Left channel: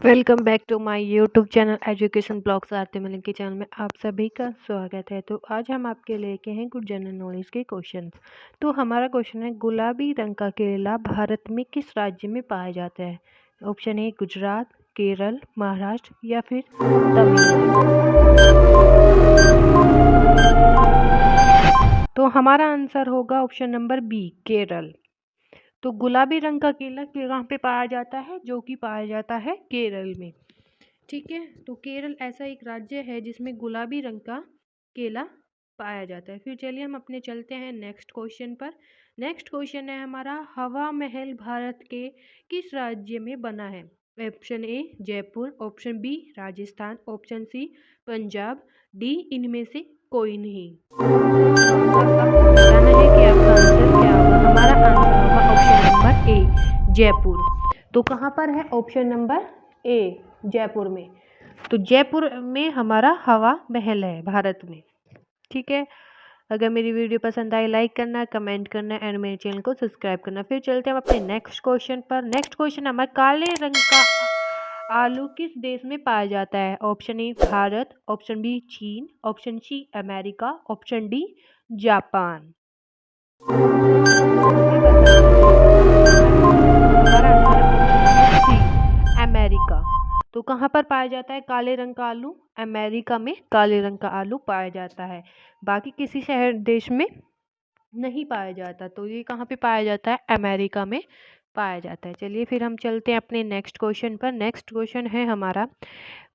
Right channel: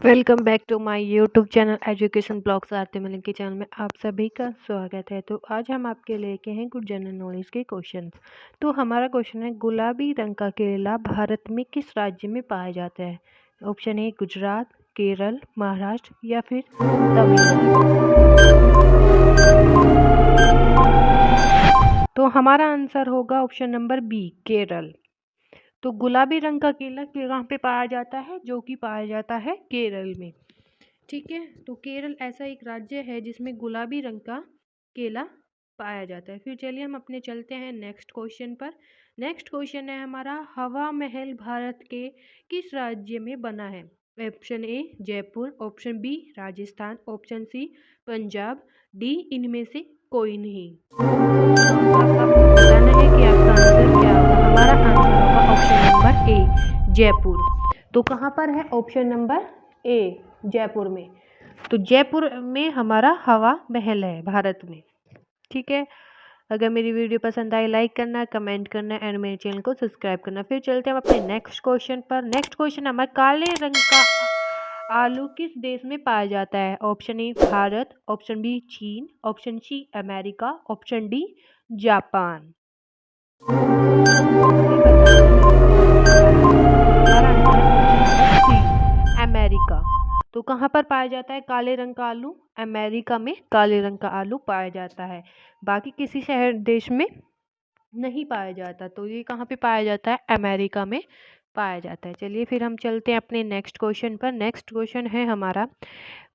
Welcome back to my YouTube channel education blogs Aarti Malik के channel में आप सभी का स्वागत है। तो आज हम आपके लेके हैं कुछ जनरल नॉलेज के क्वेश्चंस। तो हमारा क्वेश्चन है, गुलाबी रंग का केला भारत में किस राज्य में पाया जाता है? ऑप्शन ए गुजरात, केरल, महाराष्ट्र या फिर तमिलनाडु। तो हमारा आंसर होगा ऑप्शन नंबर बी, केरल। तो गुलाबी रंग का केला कहाँ पे पाया जाता है? जो कि पाया जाता है केरल में। ठीक है, तो केरल ऐसा एक राज्य है जिसमें गुलाबी रंग का केला पाया जाता है। फिर चलिए हम अपने चलते हैं नेक्स्ट क्वेश्चन पर। नेक्स्ट क्वेश्चन है हमारा, हवा महल भारत के किस राज्य में बना है? Option A Jaipur, option B Rajasthan, option C Punjab, D इनमें से कोई नहीं। तो आपको बताना है कि आपका आंसर क्या होगा। हमारा आंसर होगा ऑप्शन नंबर ए जयपुर। तो कहाँ पर है? ऑप्शन नंबर ए जयपुर में। तो जयपुर में हमारा हवा महल है भारत में। ठीक है, अगर मेरी वीडियो पसंद आई लाइक करना, कमेंट करना एंड मेरे चैनल को सब्सक्राइब करना। फिर चलते हैं हम अपने नेक्स्ट क्वेश्चन पर। नेक्स्ट क्वेश्चन हमारा, काले रंग का आलू किस देश में पाया जाता है? Option A Bharat, option B चीन, option C America, option D Japan. हमें बताना है हमारा आंसर है ऑप्शन नंबर सी अमेरिका। तो कहाँ पर पाया जाता है काले रंग का आलू? अमेरिका में काले रंग का आलू पाया जाता है, बाकी किसी शहर देश में नहीं पाया जाता। तो ये कहाँ पे पाया जाता है? अमेरिका में पाया जाता है। चलिए फिर हम चलते हैं अपने नेक्स्ट क्वेश्चन पर। नेक्स्ट क्वेश्चन है हमारा,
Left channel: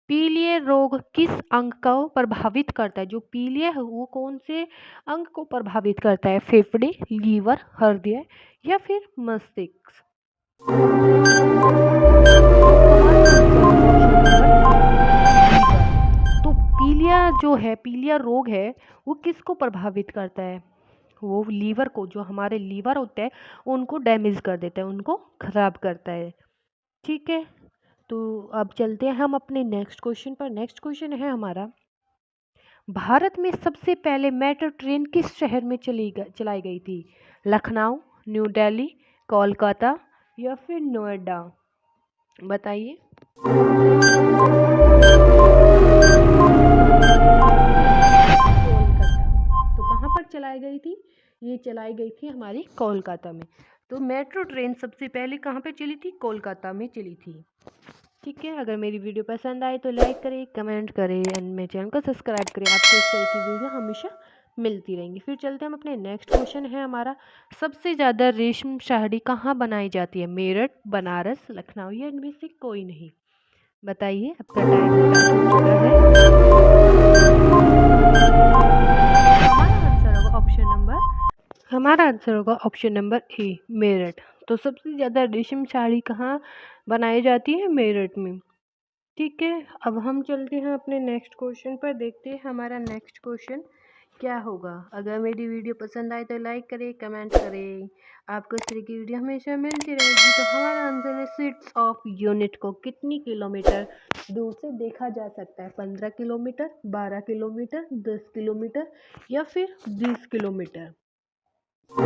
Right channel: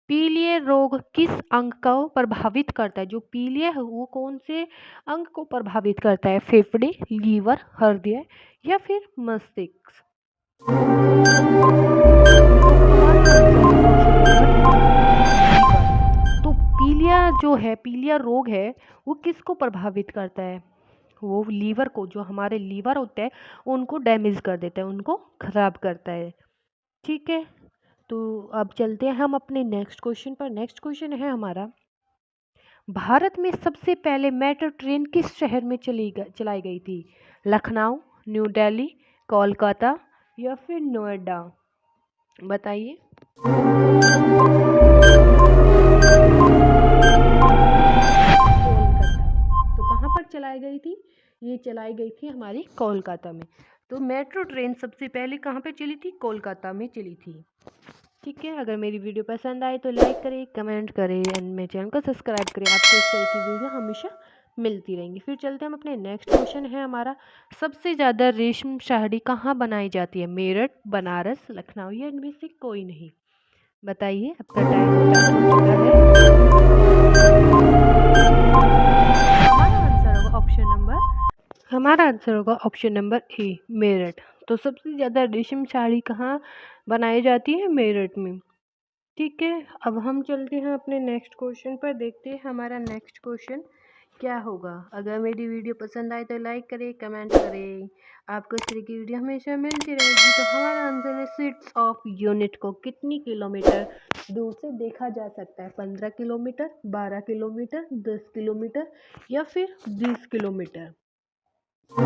पीलिया रोग किस अंग को प्रभावित करता है? जो पीलिया है वो कौन से अंग को प्रभावित करता है? फेफड़े, लीवर, हृदय या फिर मस्तिष्क। तो पीलिया जो है, पीलिया रोग है, वो किसको प्रभावित करता है? वो लीवर को, जो हमारे लीवर होते हैं उनको डैमेज कर देता है, उनको खराब करता है। ठीक है, तो अब चलते हैं हम अपने नेक्स्ट क्वेश्चन पर। नेक्स्ट क्वेश्चन है हमारा, भारत में सबसे पहले मेट्रो ट्रेन किस शहर में चलाई गई थी? लखनऊ, न्यू दिल्ली, कोलकाता या फिर नोएडा। बताइए। कोलकाता। तो कहाँ पर चलाई गई थी? ये चलाई गई थी हमारी कोलकाता में। तो मेट्रो ट्रेन सबसे पहले कहाँ पे चली थी? कोलकाता में चली थी। ठीक है, अगर मेरी वीडियो पसंद आए तो लाइक करें, कमेंट करें एंड मेरे चैनल को सब्सक्राइब करें। आपको इस तरह की वीडियो हमेशा मिलती रहेंगी। फिर चलते हैं हम अपने नेक्स्ट क्वेश्चन है हमारा, सबसे ज़्यादा रेशम साड़ी कहाँ बनाई जाती है? मेरठ, बनारस, लखनऊ या इनमें से कोई नहीं। बताइए, आपका टाइम स्टार्ट हो चुका है। हमारा आंसर होगा ऑप्शन नंबर ए मेरठ। तो सबसे ज़्यादा रेशम साड़ी कहाँ बनाई जाती है? मेरठ में। ठीक है, अब हम चलते हैं अपने नेक्स्ट क्वेश्चन पर, देखते हैं हमारा नेक्स्ट क्वेश्चन क्या होगा। अगर मेरी वीडियो पसंद आए तो लाइक करें, कमेंट करें। आपको इस तरह की वीडियो हमेशा मिलती रहेगी। तो हमारा आंसर है, स्वीट्स ऑफ यूनिट को कितनी किलोमीटर दूर से देखा जा सकता है? 15 किलोमीटर, 12 किलोमीटर, 10 किलोमीटर या फिर 20 किलोमीटर। तो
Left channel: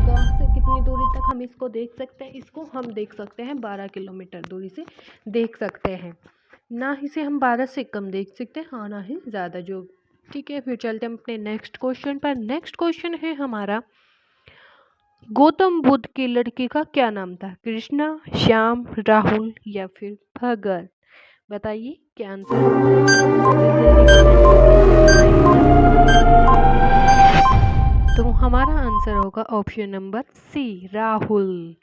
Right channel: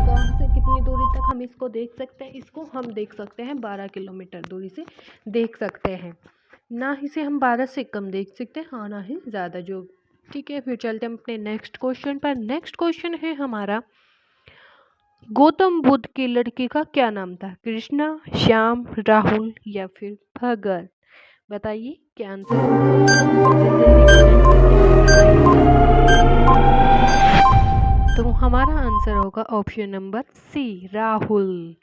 कहाँ से कितनी दूरी तक हम इसको देख सकते हैं? इसको हम देख सकते हैं 12 किलोमीटर दूरी से देख सकते हैं। ना इसे हम 12 से कम देख सकते हैं, हाँ ना ही ज़्यादा जो। ठीक है, फिर चलते हैं अपने नेक्स्ट क्वेश्चन पर। नेक्स्ट क्वेश्चन है हमारा, गौतम बुद्ध के लड़के का क्या नाम था? कृष्णा, श्याम, राहुल या फिर भगत। बताइए क्या आंसर होगा। जल्दी जल्दी कमेंट करके हमें बताइएगा। तो हमारा आंसर होगा ऑप्शन नंबर सी राहुल।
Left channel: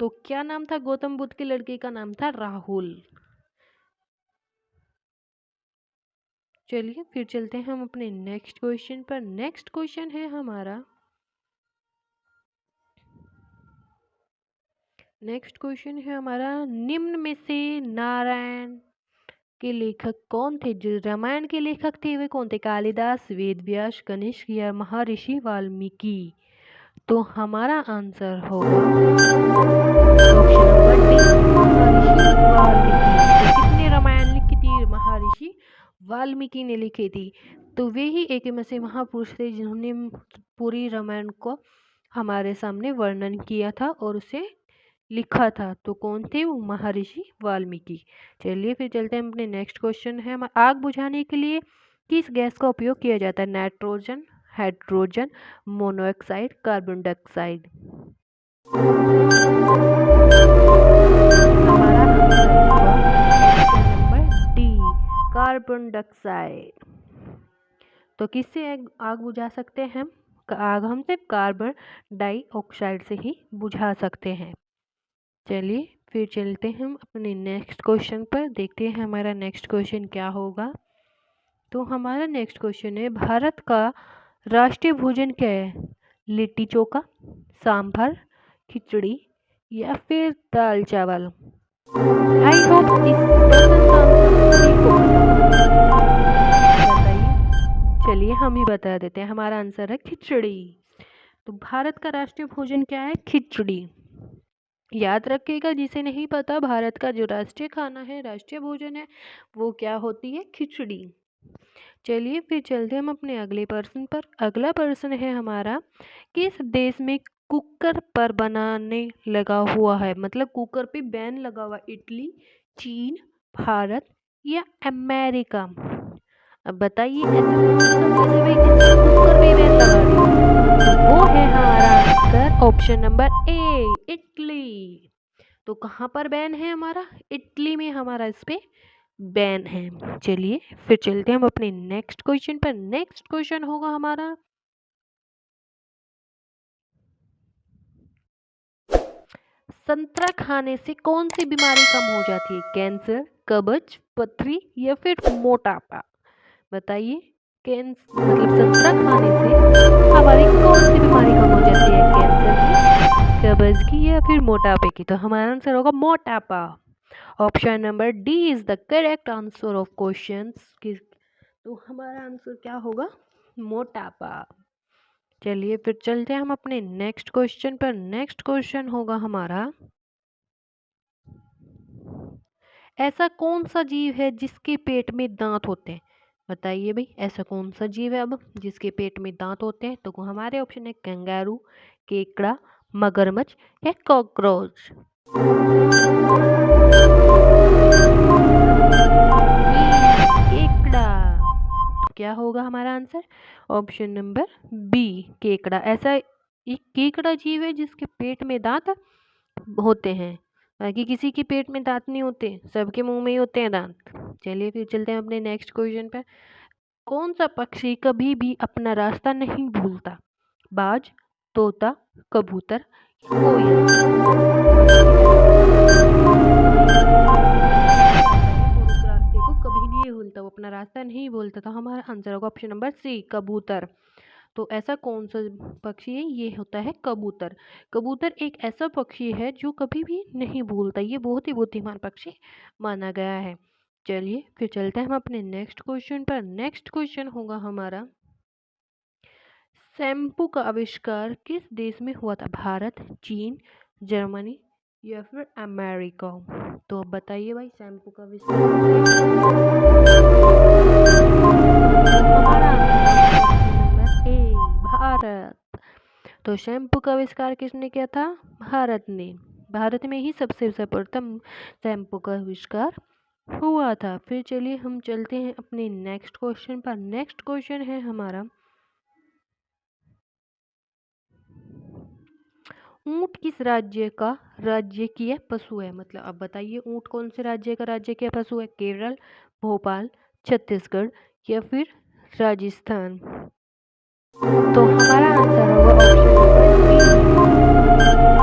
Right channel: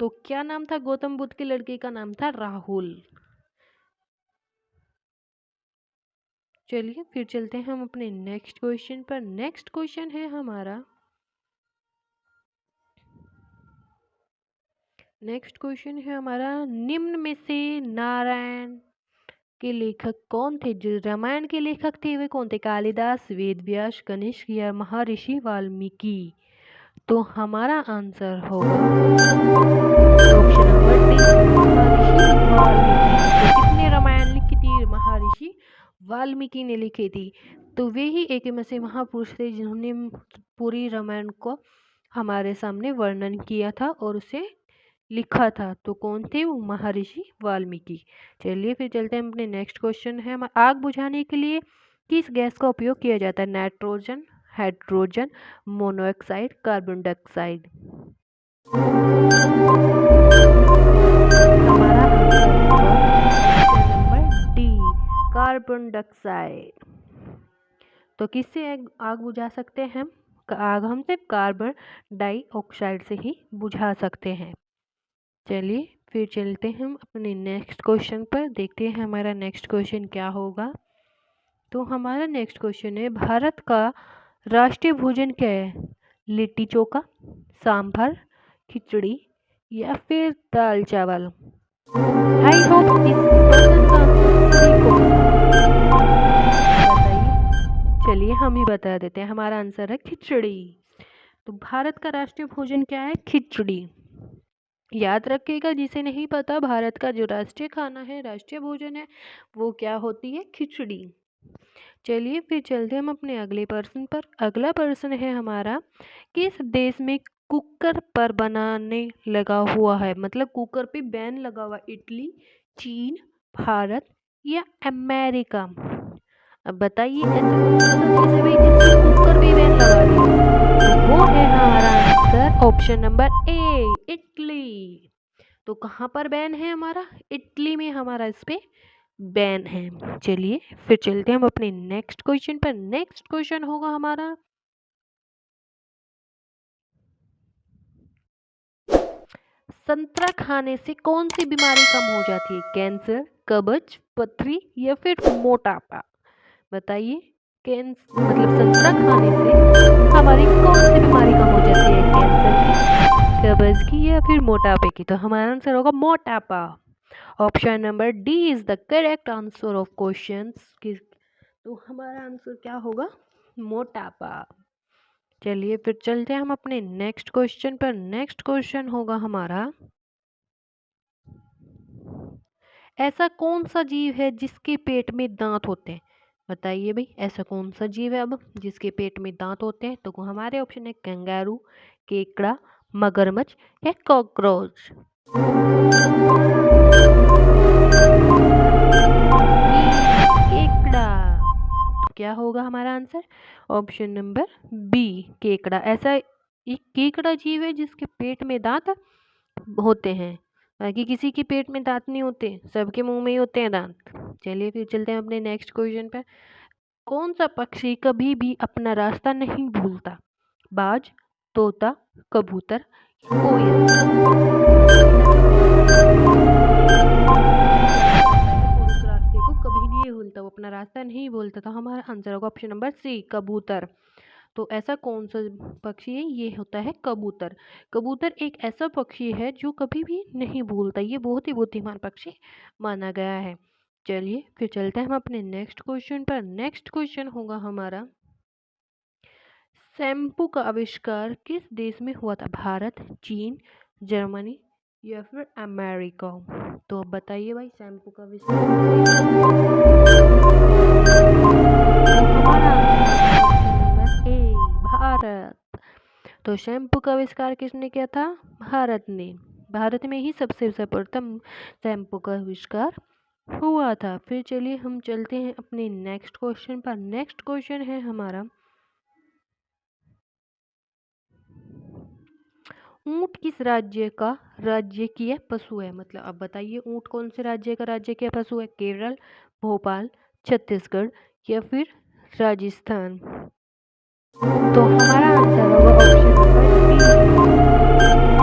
तो क्या नाम था गौतम बुद्ध के लड़के का? नाम था राहुल। चलिए फिर चलते हैं हम अपने नेक्स्ट क्वेश्चन पर। नेक्स्ट क्वेश्चन है हमारा, निम्न में से नारायण के लेखक कौन थे? जो रामायण के लेखक थे वे कौन थे? कालिदास, वेद व्यास, कनिष्क या महर्षि वाल्मीकि। तो हमारा आंसर होगा ऑप्शन नंबर डी, महर्षि वाल्मीकि। तो किसने रामायण लिखी थी? महर्षि वाल्मीकि ने लिखी थी। तो वे ही एक ऐसे महापुरुष थे जिन्होंने पूरी रामायण को हमारे सामने वर्णन किया था और उसे लिखा था। तो कौन थे वो? महर्षि वाल्मीकि। चलिए फिर चलते हैं अपने नेक्स्ट क्वेश्चन है। आग बुझाने के लिए किस गैस का उपयोग किया जाता है? Nitrogen, hydrogen, monoxide, carbon dioxide. हमारा आंसर होगा option number D, carbon dioxide. तो किससे आग बुझा सकते हैं हम? आग हम सिर्फ कार्बन डाइऑक्साइड से ही बुझा सकते हैं। चलिए फिर चलते हैं हम अपने नेक्स्ट क्वेश्चन पर, देखते हैं हमारा नेक्स्ट क्वेश्चन क्या होगा। तो हमारा नेक्स्ट क्वेश्चन है, भारत का राष्ट्रीय भोजन क्या है? लिट्टी चोखा, सांभर, खिचड़ी या फिर दाल चावल। आई होप इस क्वेश्चन का आंसर सभी को पता होगा। बताइए। चलिए हम ही बता देते हैं, हमारा आंसर है खिचड़ी। तो भारत का राष्ट्रीय भोजन क्या है? खिचड़ी। याद रखिएगा, जिसे नहीं पता, भारत का जो राष्ट्रीय खाना है, राष्ट्रीय भोजन है, वो क्या होती है? खिचड़ी। चलिए फिर चलते हम अपने अगले प्रश्न पर। अगला प्रश्न है हमारा, किस देश में कुकर पर बनाने लगा हुआ है? मतलब कुकर पे बैन लगा हुआ? इटली, चीन, भारत या अमेरिका। अब बताइए ऐसा कौन सा देश है भाई जिसके कुकर पे बैन लगा दिया? तो वो है हमारा answer option number A, Italy. तो कहाँ पर बैन है हमारा? इटली में हमारा इस पे बैन है। चलिए फिर चलते हैं हम अपने नेक्स्ट क्वेश्चन पर। नेक्स्ट क्वेश्चन होगा हमारा, संतरा खाने से कौन सी बीमारी कम हो जाती है? कैंसर, कब्ज, पथरी या फिर मोटापा। बताइए। मतलब संतरा खाने से हमारी कौन सी बीमारी कम हो जाती है? कैंसर की, कब्ज की या फिर मोटापे की। तो हमारा आंसर होगा मोटापा। Option number D is the correct answer of questions. तो हमारा आंसर क्या होगा? मोटापा। चलिए फिर चलते हैं हम अपने नेक्स्ट क्वेश्चन पर। नेक्स्ट क्वेश्चन होगा हमारा, ऐसा कौन सा जीव है जिसके पेट में दांत होते हैं? बताइए भाई, ऐसा कौन सा जीव है अब जिसके पेट में दांत होते हैं? तो हमारे ऑप्शन है कंगारू, केकड़ा, मगरमच्छ या कॉकरोच। केकड़ा। तो क्या होगा हमारा आंसर? ऑप्शन नंबर बी, केकड़ा। ऐसा एक केकड़ा जीव है जिसके पेट में दांत होते हैं, बाकी किसी के पेट में दांत नहीं होते, सबके मुंह में ही होते हैं दांत। चलिए फिर चलते हैं अपने नेक्स्ट क्वेश्चन पर। कौन सा पक्षी कभी भी अपना रास्ता नहीं भूलता? बाज, तोता, कबूतर, कोयल। और उस रास्ते को कभी नहीं भूलता, वो अपना रास्ता नहीं भूलता। तो हमारा आंसर होगा ऑप्शन नंबर सी, कबूतर। तो ऐसा कौन सा पक्षी है? ये होता है कबूतर। कबूतर एक ऐसा पक्षी है जो कभी भी नहीं भूलता, ये बहुत ही बुद्धिमान पक्षी माना गया है। चलिए फिर चलते हैं हम अपने नेक्स्ट क्वेश्चन पर। नेक्स्ट क्वेश्चन होगा हमारा, शैम्पू का आविष्कार किस देश में हुआ था? भारत, चीन, जर्मनी या फिर अमेरिका। तो अब बताइए भाई, शैम्पू का आविष्कार तो हमारा नंबर ए, भारत। तो शैम्पू का आविष्कार किसने किया था? भारत ने। भारत में ही सबसे सर्वप्रथम शैम्पू का आविष्कार हुआ था। फिर चलिए हम चलते हैं अपने नेक्स्ट क्वेश्चन पर। नेक्स्ट क्वेश्चन है हमारा, ऊंट किस राज्य पशु है? मतलब अब बताइए, ऊंट कौन से राज्य का राज्य पशु है? केरल, भोपाल, छत्तीसगढ़ या फिर राजस्थान। तो हमारा आंसर होगा ऑप्शन नंबर डी,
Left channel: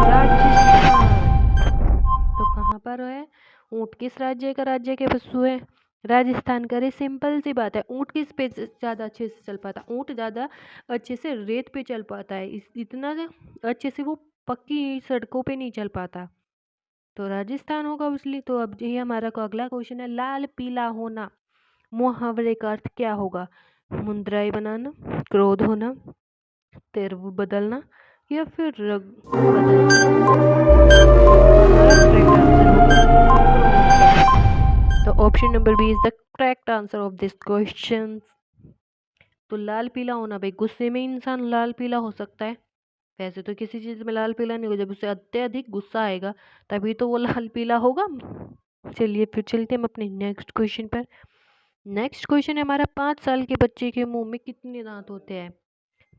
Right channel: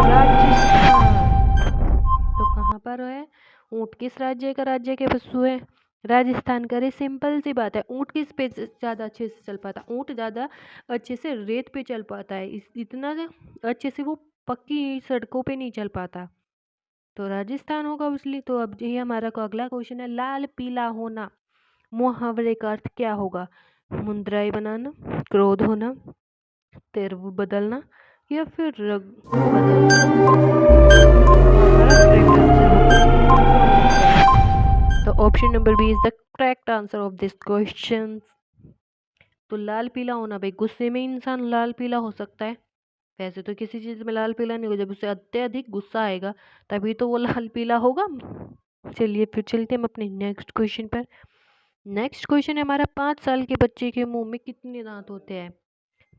राजस्थान। तो कहाँ पर है ऊंट? किस राज्य के पशु है? राजस्थान का। अरे सिंपल सी बात है, ऊंट किस पे ज़्यादा अच्छे से चल पाता? ऊंट ज़्यादा अच्छे से रेत पे चल पाता है, इतना अच्छे से वो पक्की सड़कों पे नहीं चल पाता। तो राजस्थान होगा उसलिए। तो अब ये हमारा अगला क्वेश्चन है, लाल पीला होना मुहावरे का अर्थ क्या होगा? मुंद्राई बनाना, क्रोध होना, तेवर बदलना या फिर रंग बदलना। हमारा करेक्ट आंसर होगा क्रोध। तो option number B is the correct answer of this question. तो लाल पीला होना भाई, गुस्से में इंसान लाल पीला हो सकता है, वैसे तो किसी चीज़ में लाल पीला नहीं होगा, जब उसे अत्यधिक गुस्सा आएगा तभी तो वो लाल पीला होगा। चलिए फिर चलते हम अपने नेक्स्ट क्वेश्चन पर। नेक्स्ट क्वेश्चन है हमारा, 5 साल के बच्चे के मुंह में कितने दांत होते हैं?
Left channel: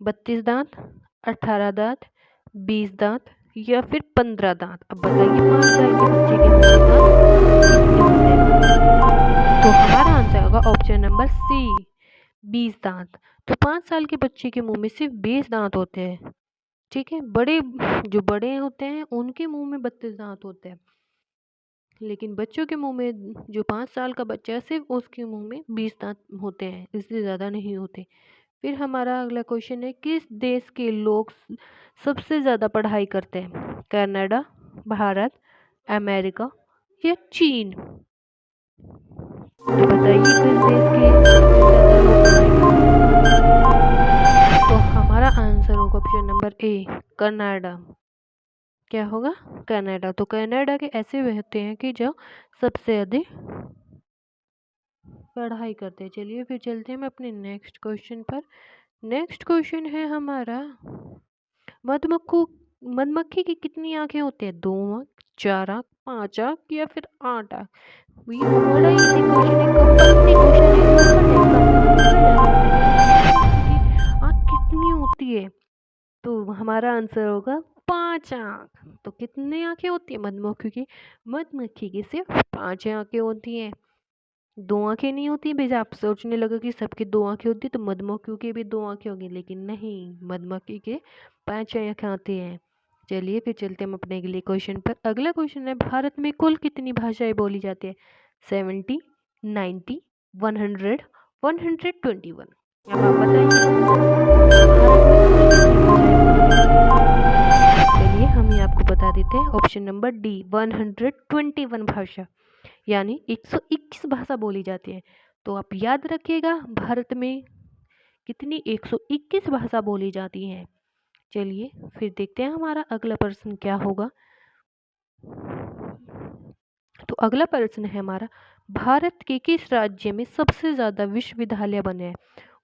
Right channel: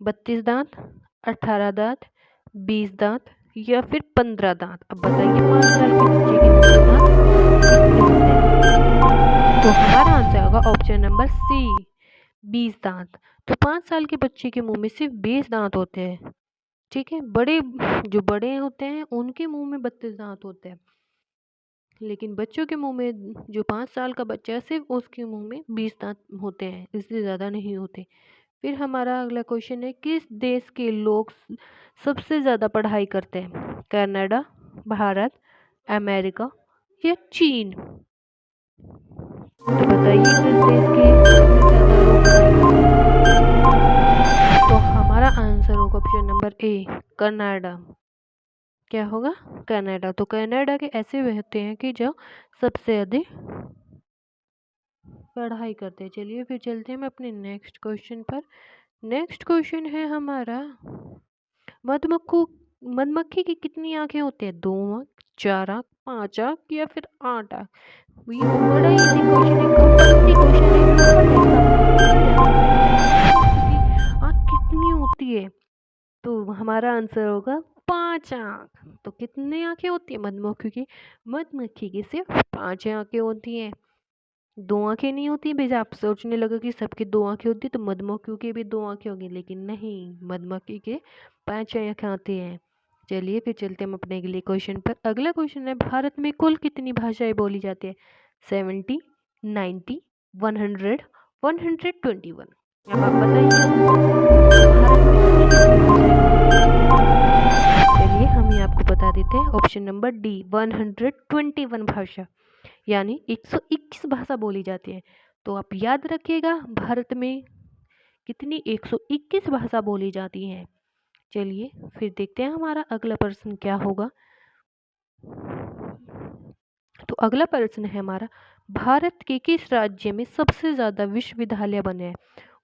32 दांत, 18 दांत, 20 दांत या फिर 15 दांत? अब बताइए 5 साल के बच्चे के मुंह में दांत कितने होते हैं? तो हमारा आंसर होगा ऑप्शन नंबर सी, 20 दांत। तो 5 साल के बच्चे के मुंह में सिर्फ 20 दांत होते हैं। ठीक है, जो बड़े होते हैं उनके मुंह में 32 दांत होते हैं, लेकिन बच्चों के मुंह में, जो 5 साल का बच्चा है सिर्फ उसके मुंह में 20 दांत होते हैं, इससे ज़्यादा नहीं होते। फिर हमारा अगला क्वेश्चन है, किस देश के लोग सबसे ज़्यादा पढ़ाई करते हैं? कनाडा, भारत, अमेरिका या चीन? तो बताइए किस देश के सबसे ज़्यादा लोग पढ़ाई करते हैं? तो हमारा आंसर होगा ऑप्शन नंबर ए, कनाडा। क्या होगा? कनाडा। तो कनाडा के ऐसे होते हैं कि जो सबसे अधिक पढ़ाई करते हैं। चलिए फिर चलते हैं हम अपने नेक्स्ट क्वेश्चन पर। नेक्स्ट क्वेश्चन है हमारा, मधुमक्खी की कितनी आंखें होती है? 2 आंख, 4 आंख, 5 आंख या फिर 8 आंख? ये बड़ा इजी क्वेश्चन है, कंपल्सरी क्वेश्चन है, जो हर एग्जाम में पूछा जा सकता है कि मधुमक्खी की आंख कितनी होती है? तो हमारा आंसर होगा 5 आंख। तो कितनी आंखें होती है मधुमक्खी की? मधुमक्खी की सिर्फ 5 आंखें होती हैं। 2 आंखें नहीं होती। भाई आप सोचने लगे कि सबकी 2 आंखें होती तो मधुमक्खियों की भी 2 आंखें होंगी, लेकिन नहीं, मधुमक्खी के 5 आंखें आती हैं। चलिए फिर चलते हम अपने अगले क्वेश्चन पर। अगला क्वेश्चन है, भारत में कुल कितनी भाषाएं बोली जाती है? 70, 90, 100, 121? अब आप बताइए भारत में कुल कितनी भाषाएं बोली जाती है? चलिए हम ये आपको बता देते हैं, ऑप्शन नंबर डी, 121 भाषा, यानी 121 भाषा बोली जाती है। तो आप याद रखिएगा भारत में कितनी 121 भाषा बोली जाती हैं। चलिए फिर देखते हैं हमारा अगला प्रश्न क्या होगा। तो अगला प्रश्न है हमारा, भारत के किस राज्य में सबसे ज़्यादा विश्वविद्यालय बने हैं?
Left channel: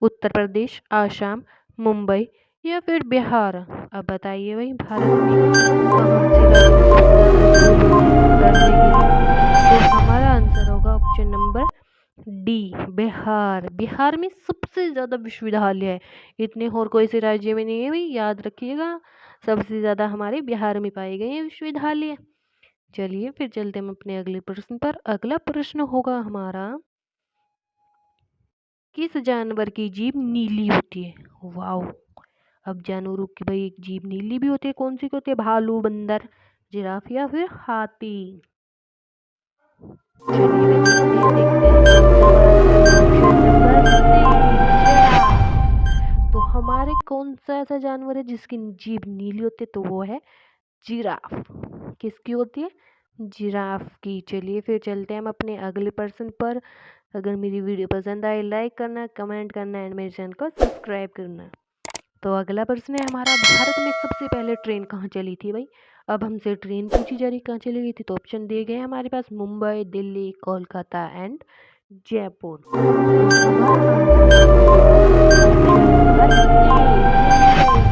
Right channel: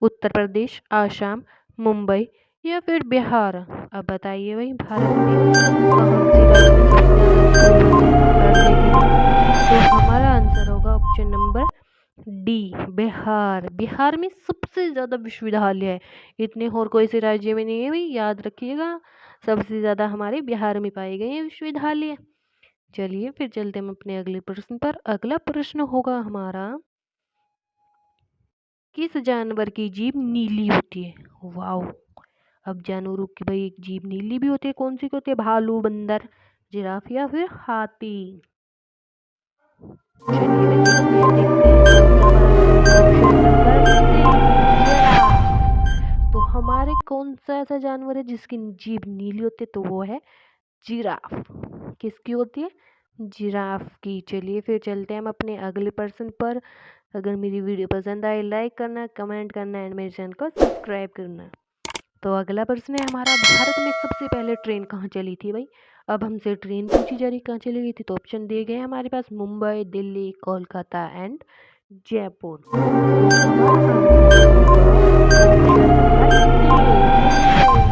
उत्तर प्रदेश, आसाम, मुंबई या फिर बिहार? अब बताइए भाई भारत में कौन से राज्य में सबसे ज़्यादा स्कूल बने हैं पढ़ने के लिए? तो हमारा आंसर होगा option number D, Bihar. Bihar में सबसे ज़्यादा विश्वविद्यालय है, इतने और कोई से राज्य में नहीं है भाई, याद रखिएगा सबसे ज़्यादा हमारे बिहार में पाए गए हैं विश्वविद्यालय। चलिए फिर चलते हम अपने अगले प्रश्न पर। अगला प्रश्न होगा हमारा, किस जानवर की जीभ नीली होती है? वाओ, अब जानवरों की भाई एक जीभ नीली भी होती है, कौन सी होती है? भालू, बंदर, जिराफ या फिर हाथी? चलिए वे देखते हैं कौन सा हमारा ऑप्शन नंबर सी, जिराफ। तो हमारे कौन सा ऐसा जानवर है जिसकी जीभ नीली होती है? तो वो है जिराफ। किसकी होती है? जिराफ की। चलिए फिर चलते हैं हम अपने अगले प्रश्न पर। अगर मेरी वीडियो पसंद आए लाइक करना, कमेंट करना एंड मेरे चैनल को सब्सक्राइब करना। तो अगला प्रश्न है हमारा, भारत में सबसे पहले ट्रेन कहाँ चली थी भाई? अब हमसे ट्रेन पूछी जा रही कहाँ चली गई थी, तो ऑप्शन दिए गए हमारे पास, मुंबई, दिल्ली, कोलकाता एंड जयपुर। तो हमारा आंसर होगा ऑप्शन नंबर ए, मुंबई।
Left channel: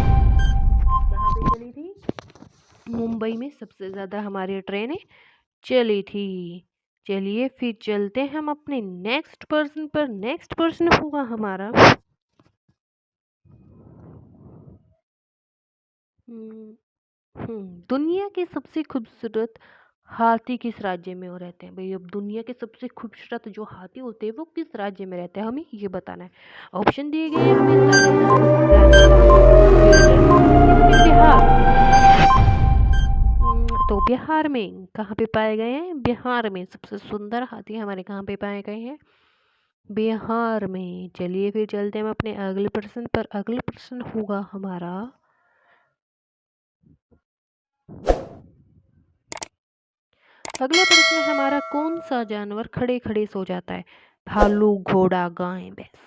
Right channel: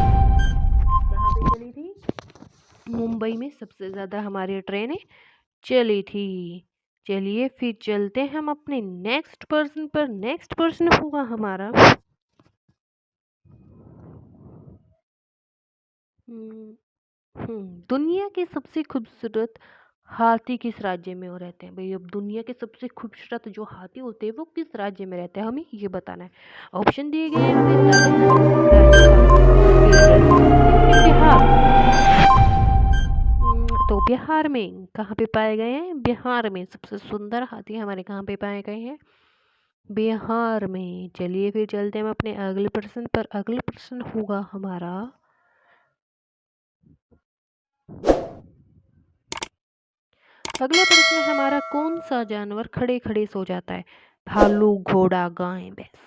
कहाँ पे चली थी? मुंबई में सबसे ज़्यादा हमारी ट्रेनें चली थी। चलिए फिर चलते हैं हम अपने नेक्स्ट प्रश्न पर। नेक्स्ट प्रश्न होगा हमारा, दुनिया के सबसे खूबसूरत हाथी किस राज्य में वो रहते हैं? भाई अब दुनिया के सबसे खूबसूरत जो हाथी होते हैं वो किस राज्य में रहते हैं, हमें ये बताना है। ऑप्शन दिए गए हैं हमें, तमिलनाडु, राजस्थान, केरल या फिर बिहार। तो बिहार में कहाँ पे पाए गए हैं? बिहार में सबसे सुंदर हाथी हमारे कहाँ पे पाए गए हैं? बिहार में। चलिए फिर चलते हैं हम अपने अगले प्रश्न पर। अगला प्रश्न होगा हमारा, अगला प्रश्न हमारा, कौन सा जानवर खड़े खड़े सो जाता है? भालू, घोड़ा, गाय, भैंस?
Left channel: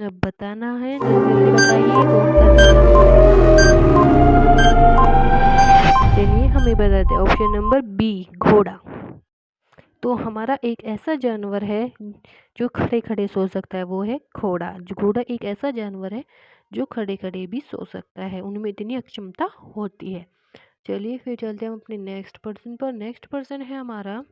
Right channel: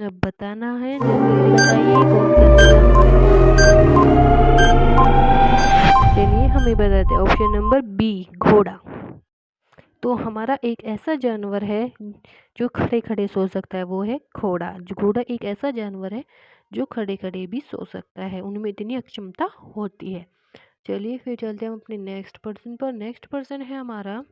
अब बताना है, जल्दी जल्दी बताइए कौन सा ऐसा जानवर है। चलिए हमें बताते हैं, ऑप्शन नंबर बी, घोड़ा। तो हमारा एक ऐसा जानवर है जो खड़े खड़े सो सकता है, वो है घोड़ा। घोड़ा एक ऐसा जानवर है जो खड़े खड़े भी सो सकता है, उनमें इतनी अक्षमता होती है। चलिए फिर चलते हैं हम अपने नेक्स्ट पर्सन पर। नेक्स्ट पर्सन है हमारा,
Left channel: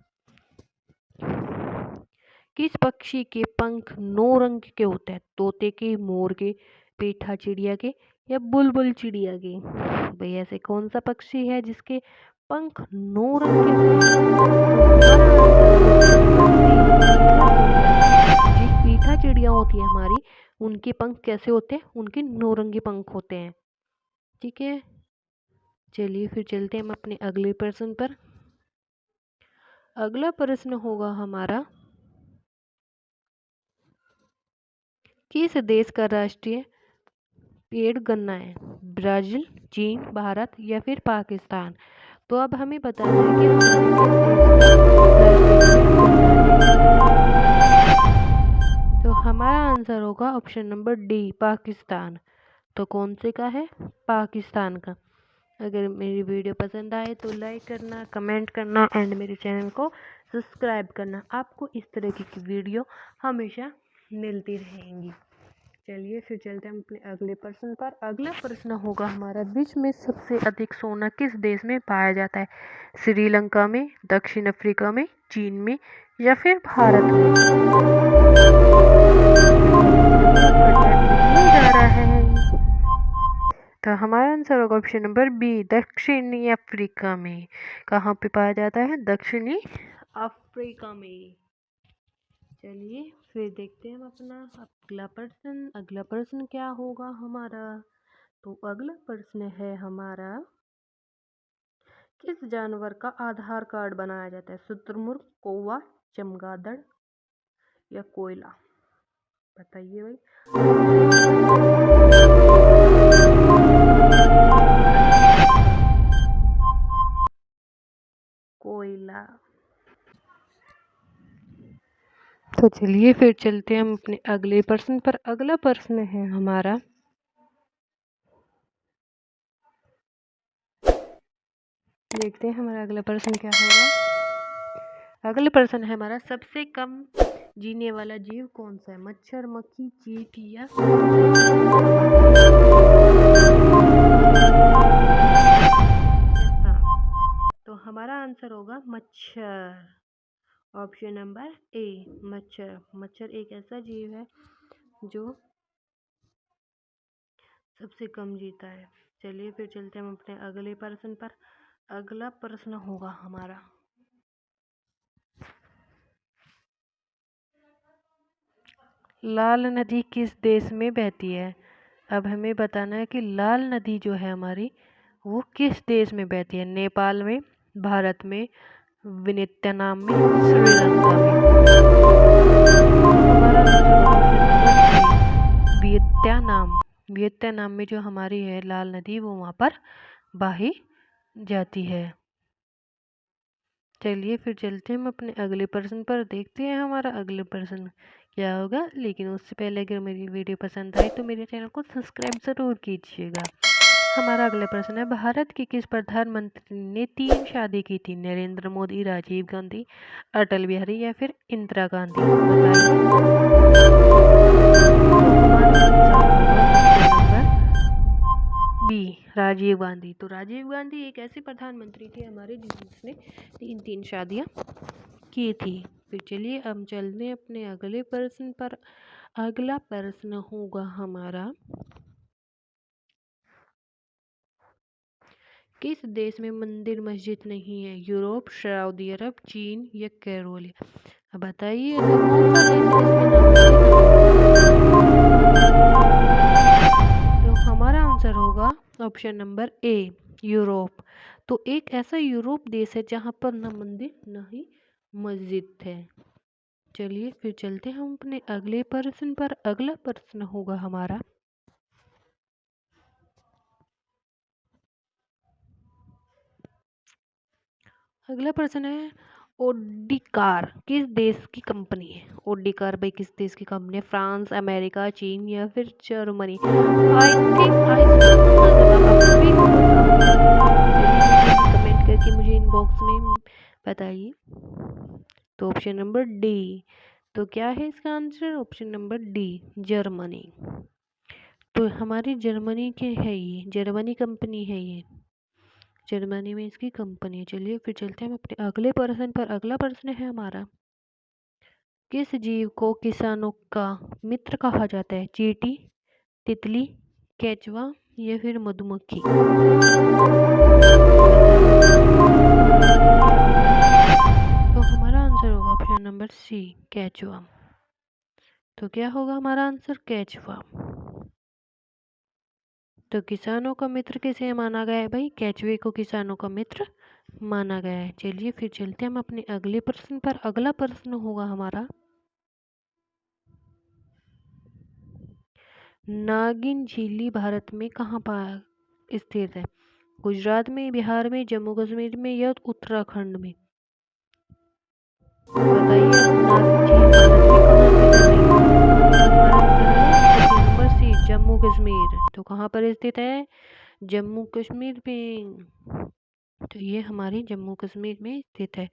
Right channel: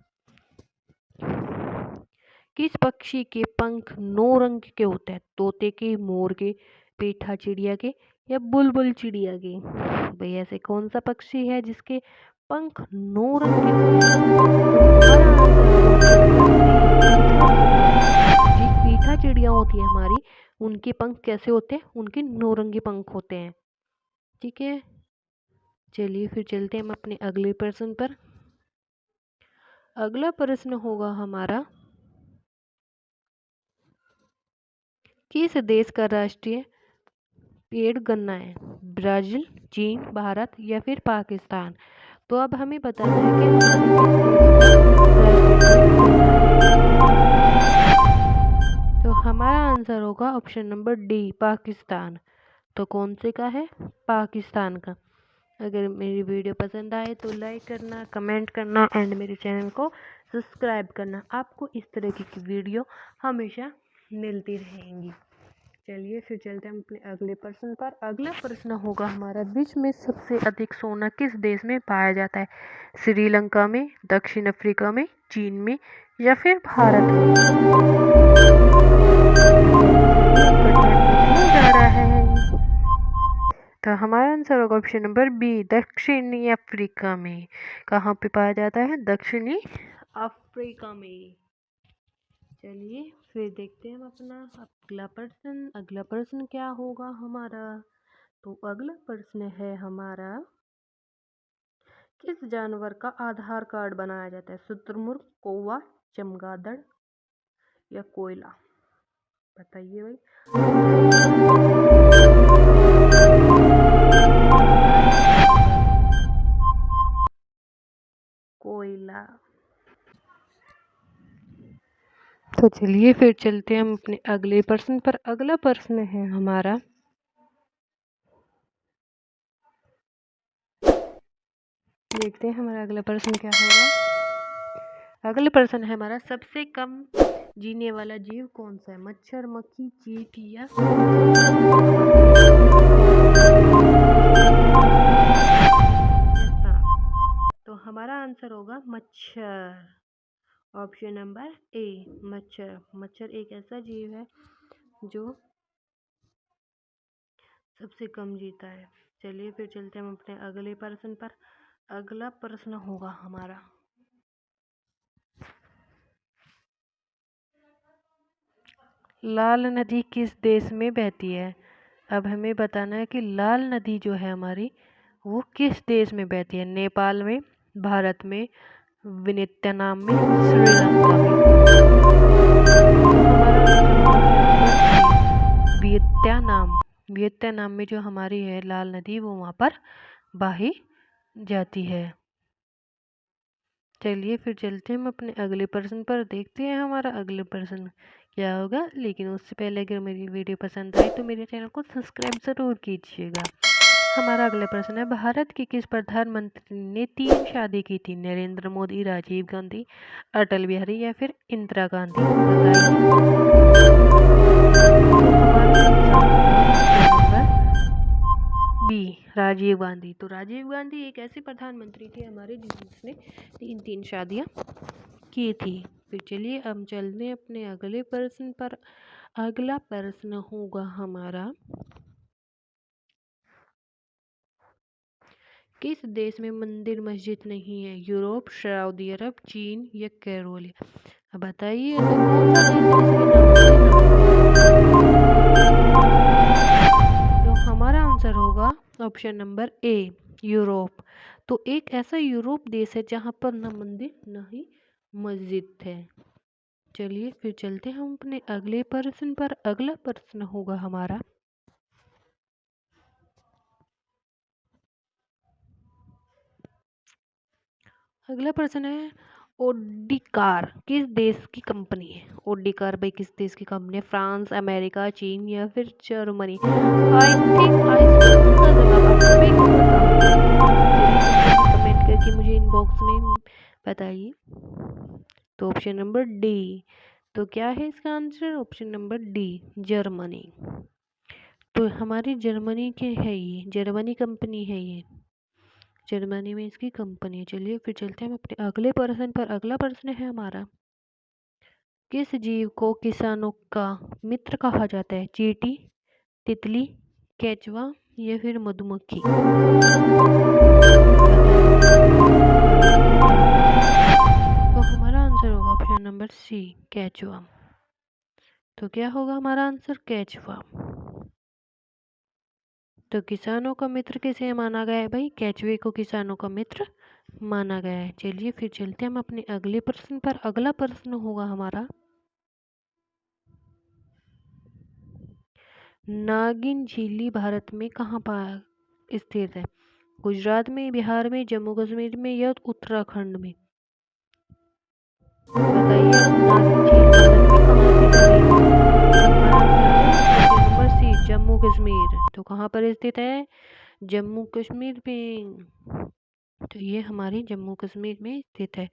किस पक्षी के पंख 9 रंग के होते हैं? तोते के, मोर के, पेठा चिड़िया के या बुलबुल चिड़िया के? भाई ऐसे कौन सा पक्षी है जिसके पंख 9 रंग के होते हैं? तो हमारा आंसर ऑप्शन नंबर सी, पीठा चिड़िया। जी, पीठा चिड़िया होती है हमारी, उनके पंख कैसे होते हैं? उनके 9 रंगी पंख होते हैं। ठीक है, चलिए फिर चलते हैं हम अपने अगले प्रश्न पर। अगला प्रश्न होगा हमारा, किस देश का राष्ट्रीय पेड़ गन्ना है? ब्राजील, चीन, भारत या फिर पाकिस्तान? तो अब हमें बताना है कि हमारे किस देश का राष्ट्रीय पेड़ गन्ना है। तो हमारा आंसर होगा ऑप्शन नंबर डी, पाकिस्तान। तो कौन से का है? पाकिस्तान का। अगर मेरी वीडियो पसंद आए तो लाइक करना, कमेंट करना एंड मेरे चैनल को सब्सक्राइब करना। आपको इस तरह की वीडियो हमेशा मिलती रहेंगी। चलिए फिर चलते हैं अपने अगले प्रश्न पर। अगला प्रश्न होगा हमारा, विश्व में सबसे अधिक सोना किस देश में पाया जाता है? श्रीलंका में, दक्षिण अफ्रीका में, चीन में या फिर भारत में? जा रहा है। तो हमारा आंसर होगा ऑप्शन नंबर बी, दक्षिणी अफ्रीका में। कहाँ पे पाया जाता है? दक्षिणी अफ्रीका में। चलिए फिर देखते हैं हम अपना अगला प्रश्न। अगला प्रश्न क्या होगा हमारा? तो अगला प्रश्न है हमारा, किस जानवर का आधार कार्ड बनाया जाता है? शुतुरमुर्ग, कौवा, चमगादड़ या कोयला? बताइए भाई। कोयला। तो चलिए फिर चलते हैं हम अपने अगले प्रश्न पर। अगला प्रश्न है हमारा, देखते हैं हमारा अगला प्रश्न क्या होगा। अगला प्रश्न है हमारा, सबसे कम जीने वाला जीव कौन सा है? मच्छर, मक्खी, चींटी या सांप? तो हमारा आंसर होगा मच्छर, ऑप्शन नंबर ए, मच्छर। मच्छर एक ऐसा जीव है जो सबसे कम जीता है। चलिए फिर चलते हैं हम अपने अगले प्रश्न पर। अगला प्रश्न होगा हमारा, लाल नदी किस देश में बहती है? अब हमें बताना है कि लाल नदी जो है हमारी, वो किस देश में बहती है? नेपाल में, भारत में, वियतनाम में, श्रीलंका में? तो हमारा आंसर होगा वियतनाम। वियतनाम में जो हमारी है लाल नदी, वो वहाँ पर बही जाती है। चलिए फिर चलते हैं हम अपने अगले प्रश्न पर। देखते हैं हमारा अगले प्रश्न क्या होगा। लेकिन उससे पहले अगर मेरी वीडियो पसंद आए तो मेरे चैनल को सब्सक्राइब ज़रूर कीजिएगा। हमारा अगला प्रश्न है, भारत के किस प्रधानमंत्री ने 3 शादी की थी? नरेंद्र मोदी, राजीव गांधी, अटल बिहारी या फिर इंदिरा गांधी? बताइए। तो हमारा बी, राजीव गांधी। तो राजीव गांधी एक ऐसे प्रधानमंत्री थे हमारे जिसने 3 शादियां की थी। फिर चलिए हम चलते हैं अपने अगले प्रश्न पर। अगला प्रश्न होगा हमारा, किस देश में मंदिर मस्जिद नहीं है? यूरोप, सऊदी अरब, चीन या केरल? बताइए ऐसा कौन सा देश है जिसमें ना मंदिर ना मस्जिद? तो हमारा आंसर होगा ऑप्शन नंबर ए, यूरोप। तो एक ऐसा यूरोप देश है जहाँ पर ना मंदिर ना ही मस्जिद है। चलिए फिर चलते हैं हम अपने अगले प्रश्न पर। अगला प्रश्न होगा हमारा, अगला प्रश्न है, ओडी कार किस देश की कंपनी है? ओडी कार भाई किस देश की कंपनी है? फ्रांस, अमेरिका, चीन या फिर जर्मनी? आई थिंक आई का जवाब आप सभी को पता होगा। चलिए कमेंट करके मुझे इनबॉक्स में बताइए। तो ऑप्शन नंबर डी। तो क्या है इसका answer? Option number D, Germany. तो हमारी जर्मनी के है, ये जर्मनी कंपनी है, ये जर्मनी में इसकी कंपनी है। चलिए फिर चलते हैं हम अपने अगले प्रश्न पर। अगला प्रश्न है हमारा, किस जीव को किसानों का मित्र कहा जाता है? चींटी, तितली, केचुआ या फिर मधुमक्खी? तो हमारा आंसर होगा ऑप्शन नंबर सी, केचुआ। तो क्या होगा हमारा आंसर? केचुआ। तो किसानों का मित्र किसे माना गया है भाई? केचुए को किसानों का मित्र माना गया है। चलिए फिर चलते हैं हम अपने अगले प्रश्न पर। अगला प्रश्न होगा हमारा, नागिन झीली भारत में कहाँ स्थित है? गुजरात में, बिहार में, जम्मू कश्मीर में या उत्तराखंड में? बताइए अब नागिन झील भारत में कहाँ स्थित है भाई? तो हमारा आंसर है option number C, Jammu Kashmir. तो कहाँ पर स्थित है? जम्मू कश्मीर में। तो ये हमारी जम्मू कश्मीर में स्थित है।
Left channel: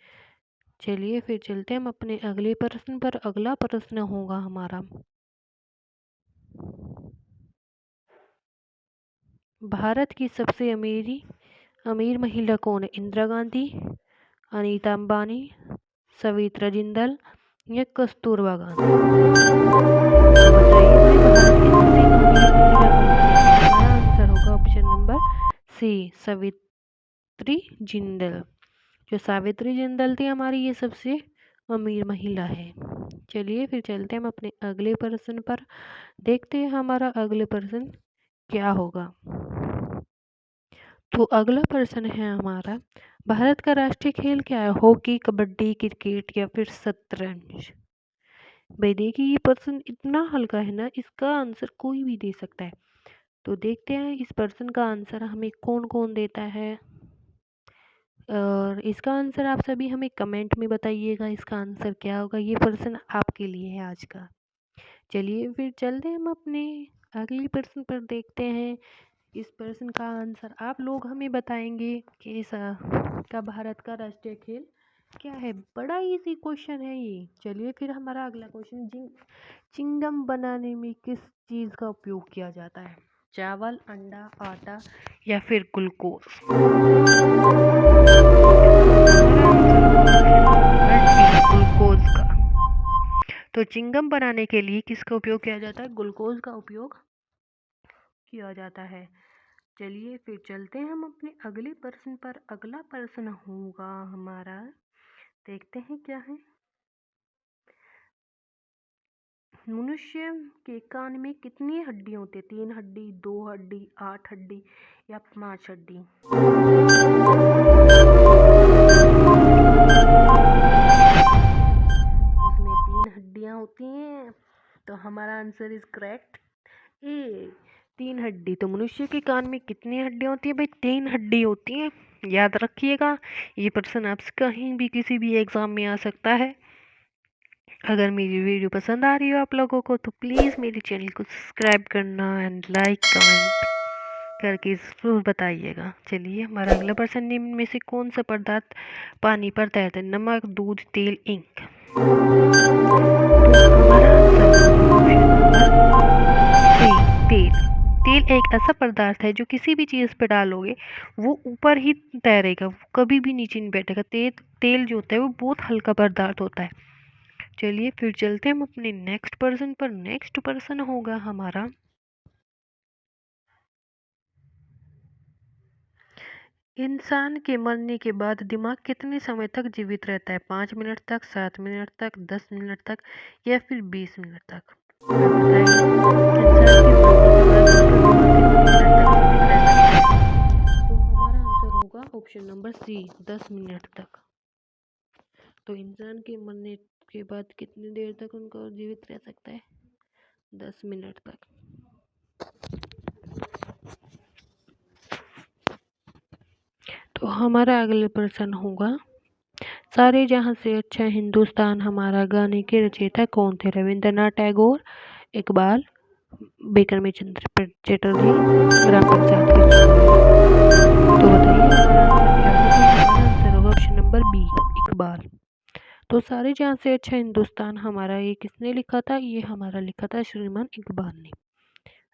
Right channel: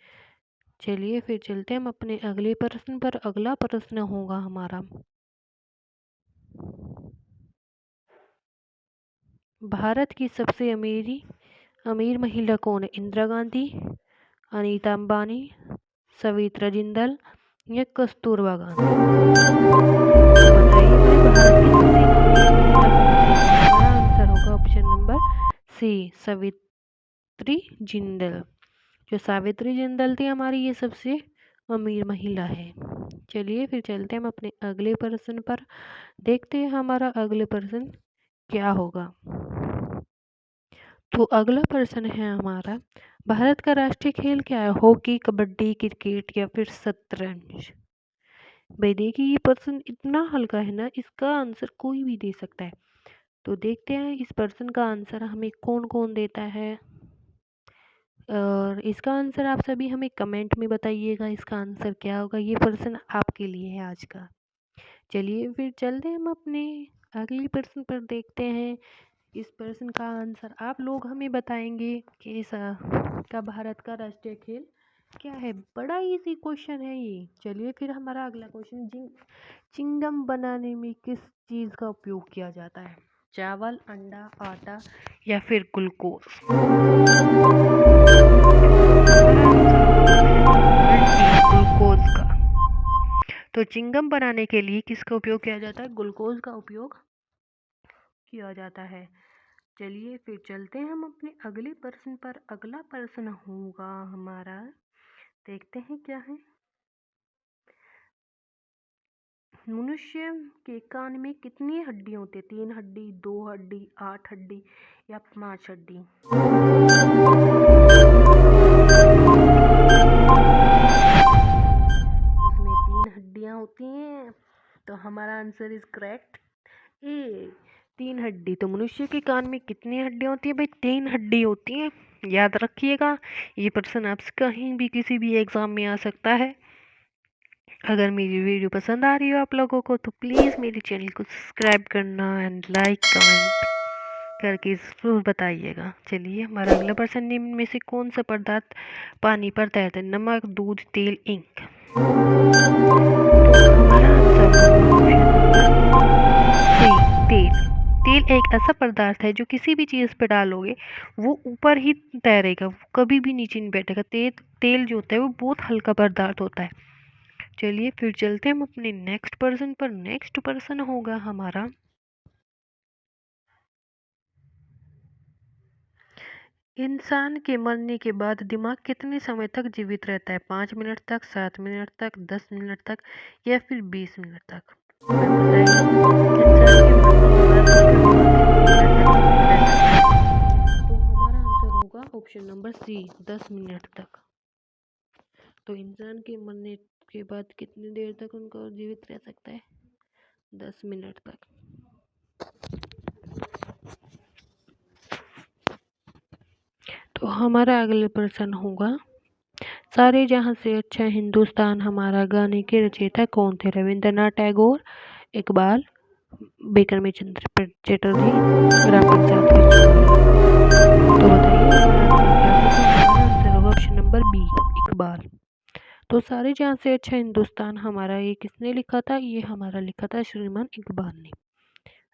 चलिए फिर चलते हैं हम अपने अगले प्रश्न पर। अगला प्रश्न होगा हमारा, भारत की सबसे अमीर महिला कौन है? इंदिरा गांधी, अनीता अंबानी, सविता जिंदल या कस्तूरबा गांधी? तो बताइए भाई, भारत की सबसे अमीर महिला कौन सी है? हमारा आंसर होगा option number C, Savitri Jindal. जो सावित्री जिंदल थी हमारी, ये सबसे अमीर महिला है। चलिए फिर चलते हैं हम अपने अगले प्रश्न पर। देखते हैं हमारा अगले प्रश्न क्या होगा। तो अगला प्रश्न है हमारा, भारत का राष्ट्रीय खेल क्या है? हॉकी, कबड्डी, क्रिकेट या फिर शतरंज? भाई देखिए, ये प्रश्न इतना हल्का है ना, इसका आंसर कोई भी दे सकता है। तो देखते हैं इस प्रश्न का आंसर हमें कौन कौन देता है। और इसका आंसर आप सभी हमें कमेंट में बताइएगा, इसका आंसर क्या होगा। ये प्रश्न आपके लिए है आज का। चलिए फिर चलते हैं हम अपने अगले प्रश्न पर। देखते हैं इस प्रश्न का आंसर आप लोग हमें बताएंगे कि का भारत का राष्ट्रीय खेल क्या है। बड़ा इजी क्वेश्चन है ये। चलिए फिर हमारा अगला क्वेश्चन, चिंगम बनाने में किस चीज़ का उपयोग किया जाता है? चावल, अंडा, आटा या फिर ग्लूकोज? ग्लूकोज का। तो चिंगम बनाने के लिए किसका उपयोग किया जाता है? ग्लूकोज का उपयोग किया जाता है। चलिए फिर चलते हैं हम अपने अगले प्रश्न पर। अगला प्रश्न होगा हमारा, देखते हैं क्या है। मनुष्य के कान में कितनी हड्डियां होती है? 3 हड्डी, 2 हड्डी, 8 हड्डी या 5 हड्डी? उसमें 3 हड्डियां होती हैं। तो हमारा आंसर इज करेक्ट ए, 3 हड्डी। तो मनुष्य के कान में कितनी हड्डियां होती है भाई? 3 हड्डी होती हैं। याद रखिएगा, ये प्रश्न आपसे कहीं भी किसी भी एग्जाम में आ सकता है। अगर मेरी वीडियो पसंद आ रही हो आप लोगों को, तो प्लीज़ मेरे चैनल को सब्सक्राइब करना एंड लाइक कमेंट करके ज़रूर बताइएगा। चलिए हमारा अगला प्रश्न, निम्न में से कौन सा पदार्थ पानी पर तैरता है? नमक, दूध, तेल, इंक? तो हमारा आंसर होगा ऑप्शन नंबर सी, तेल। तेल एक ऐसा पदार्थ है जो किसी भी चीज़ पे डालोगे वो ऊपर ही तैरेगा, वो कभी भी नीचे नहीं बैठेगा। तेल जो होता है वो बहुत हल्का पदार्थ होता है। चलिए फिर चलते हैं हम अपने नेक्स्ट पर्सन पर। नेक्स्ट पर्सन होगा हमारा, इंसान के मरने के बाद दिमाग कितने समय तक जीवित रहता है? 5 मिनट तक, 7 मिनट तक, 10 मिनट तक या फिर 20 मिनट तक? बताइए, इंसान के मरने के बाद उसका दिमाग कितने मिनट तक जीवित रह सकता है? तो हमारा आंसर होगा ऑप्शन नंबर सी, 10 मिनट तक। तो इंसान के मरने के बाद कितनी देर तक उनको जीवित रह सकता है? 10 मिनट तक। तो हमारा अगला प्रश्न होगा, सारे जहां से अच्छा हिंदुस्तान हमारा गाने के रचयिता कौन थे? रविंद्रनाथ टैगोर, इकबाल, बिक्रम चंद्र चटर्जी, रामपन सात? तो बताइए हमारा आंसर क्या होगा। हमारा आंसर होगा ऑप्शन नंबर बी, इकबाल। तो सारे जहां से अच्छा हिंदुस्तान हमारा, ये किसने लिखा था? ये हमारा लिखा था श्रीमान इकबाल ने।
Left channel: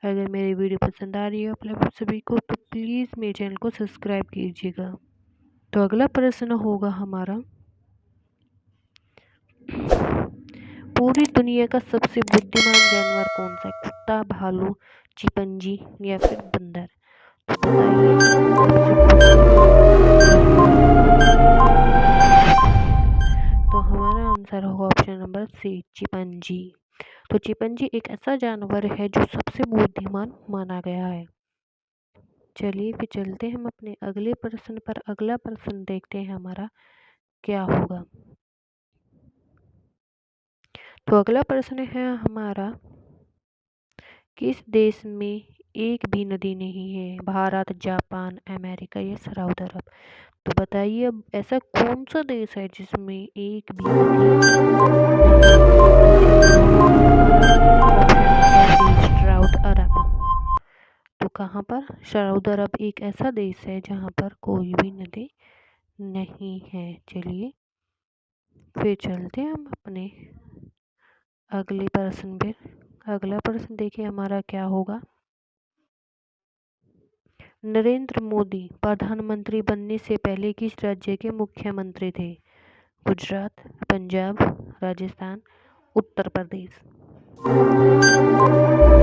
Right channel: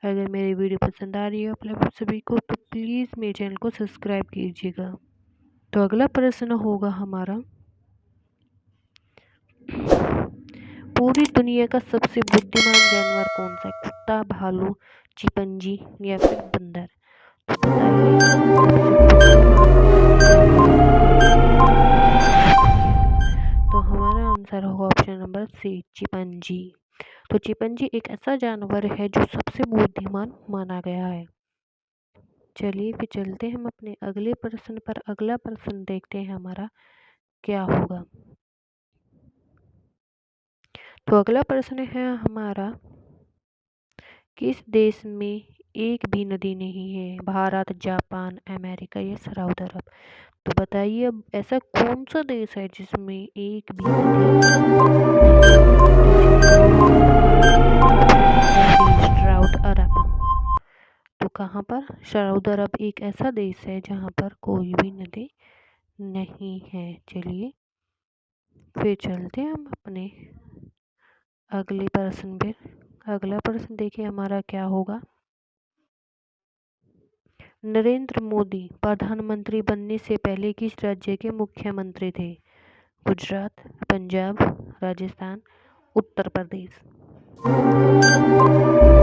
अगर मेरी वीडियो पसंद आ रही है आप सभी को तो प्लीज़ मेरे चैनल को सब्सक्राइब कीजिएगा। तो अगला प्रश्न होगा हमारा, पूरी दुनिया का सबसे बुद्धिमान जानवर कौन सा है? कुत्ता, भालू, चिंपैंजी या फिर बंदर? तो बताइए सबसे बुद्धिमान जानवर। तो हमारा आंसर होगा ऑप्शन नंबर सी, चिंपैंजी। तो चिंपैंजी एक ऐसा जानवर है जो सबसे बुद्धिमान माना गया है। चलिए फिर चलते हैं हम अपने अगले प्रश्न पर। अगला प्रश्न देखते हैं हमारा क्या होगा। तो अगला प्रश्न है हमारा, किस देश में एक भी नदी नहीं है? भारत, जापान, अमेरिका या सऊदी अरब? तो बताइए अब ऐसा कौन सा देश है जिसमें एक भी नदी नहीं है? सऊदी अरब। तो कहाँ पर? सऊदी अरब एक ऐसा देश है जहाँ पर कोई भी नदी नहीं है। चलिए फिर चलते हैं हम अपने अगले प्रश्न पे। अगला प्रश्न देखिए हमारा क्या होगा। नरेंद्र मोदी प्रधानमंत्री बनने से पहले किस राज्य के मुख्यमंत्री थे? गुजरात, पंजाब, राजस्थान, उत्तर प्रदेश? तो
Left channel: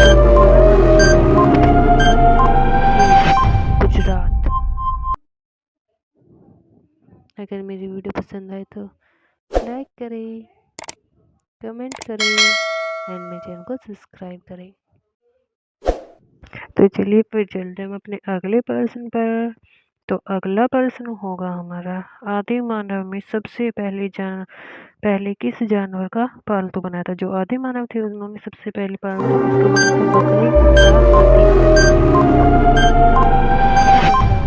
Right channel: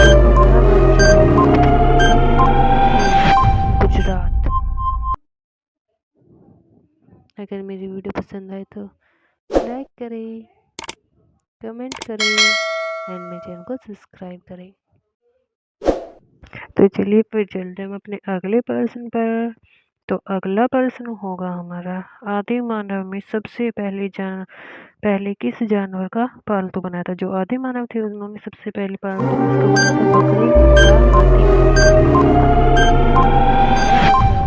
हमारा आंसर होगा ऑप्शन नंबर ए, गुजरात। अगर मेरी वीडियो पसंद आए तो लाइक करें, कमेंट करें एंड मेरे चैनल को सब्सक्राइब करें। तो चलिए फिर चलते हम अपने अगले प्रश्न पर। तो अगला प्रश्न होगा हमारा, आदि मानव में सबसे पहले किस जानवर का पालतू बनाया था? जो आदि मानव थे उन्होंने सबसे पहले पालतू किसको बनाया था? बकरी, कुत्ता, हाथी?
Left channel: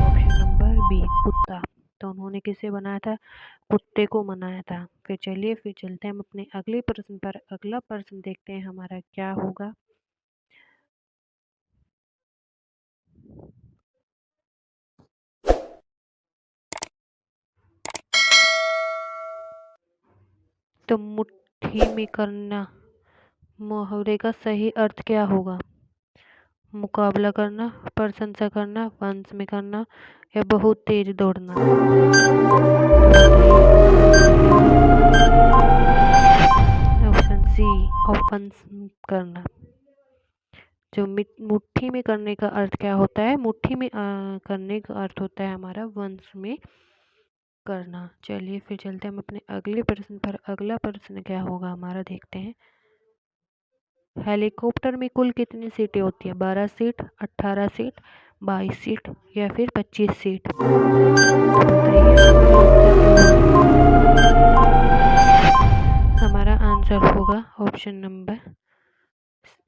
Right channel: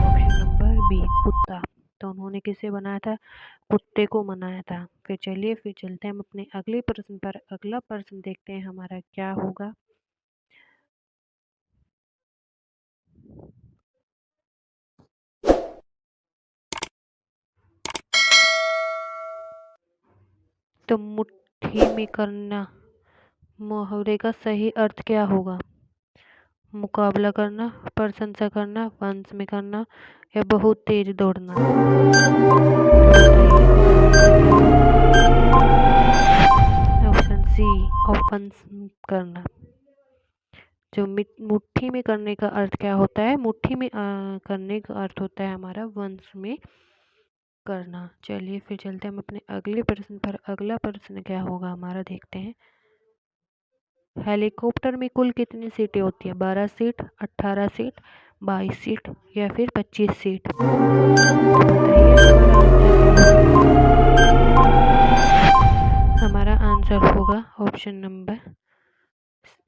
ऑप्शन नंबर बी, कुत्ता। तो उन्होंने किसे बनाया था? कुत्ते को बनाया था। फिर चलिए फिर चलते हैं हम अपने अगले प्रश्न पर। अगला प्रश्न देखते हैं हमारा क्या होगा। तो मुट्ठी में करना मुहावरे का सही अर्थ क्या होगा? मुकाबला करना, प्रशंसा करना, वंश में करना या बहुत तेज दौड़ना? तो बताइए ऑप्शन सी, वंश करना। जो मुट्ठी में करने का अर्थ क्या होता है? मुट्ठी में करने का अर्थ होता है हमारा वंश में करना। चलिए फिर चलते हैं हम अपने अगले प्रश्न पर। अगला प्रश्न क्या होगा हमारा देखते हैं। हेलीकॉप्टर में कुल कितनी सीटें होती है? 12 सीट, 18 सीट, 22 सीट या फिर 25 सीट? बताइए हमारा आंसर होगा ऑप्शन नंबर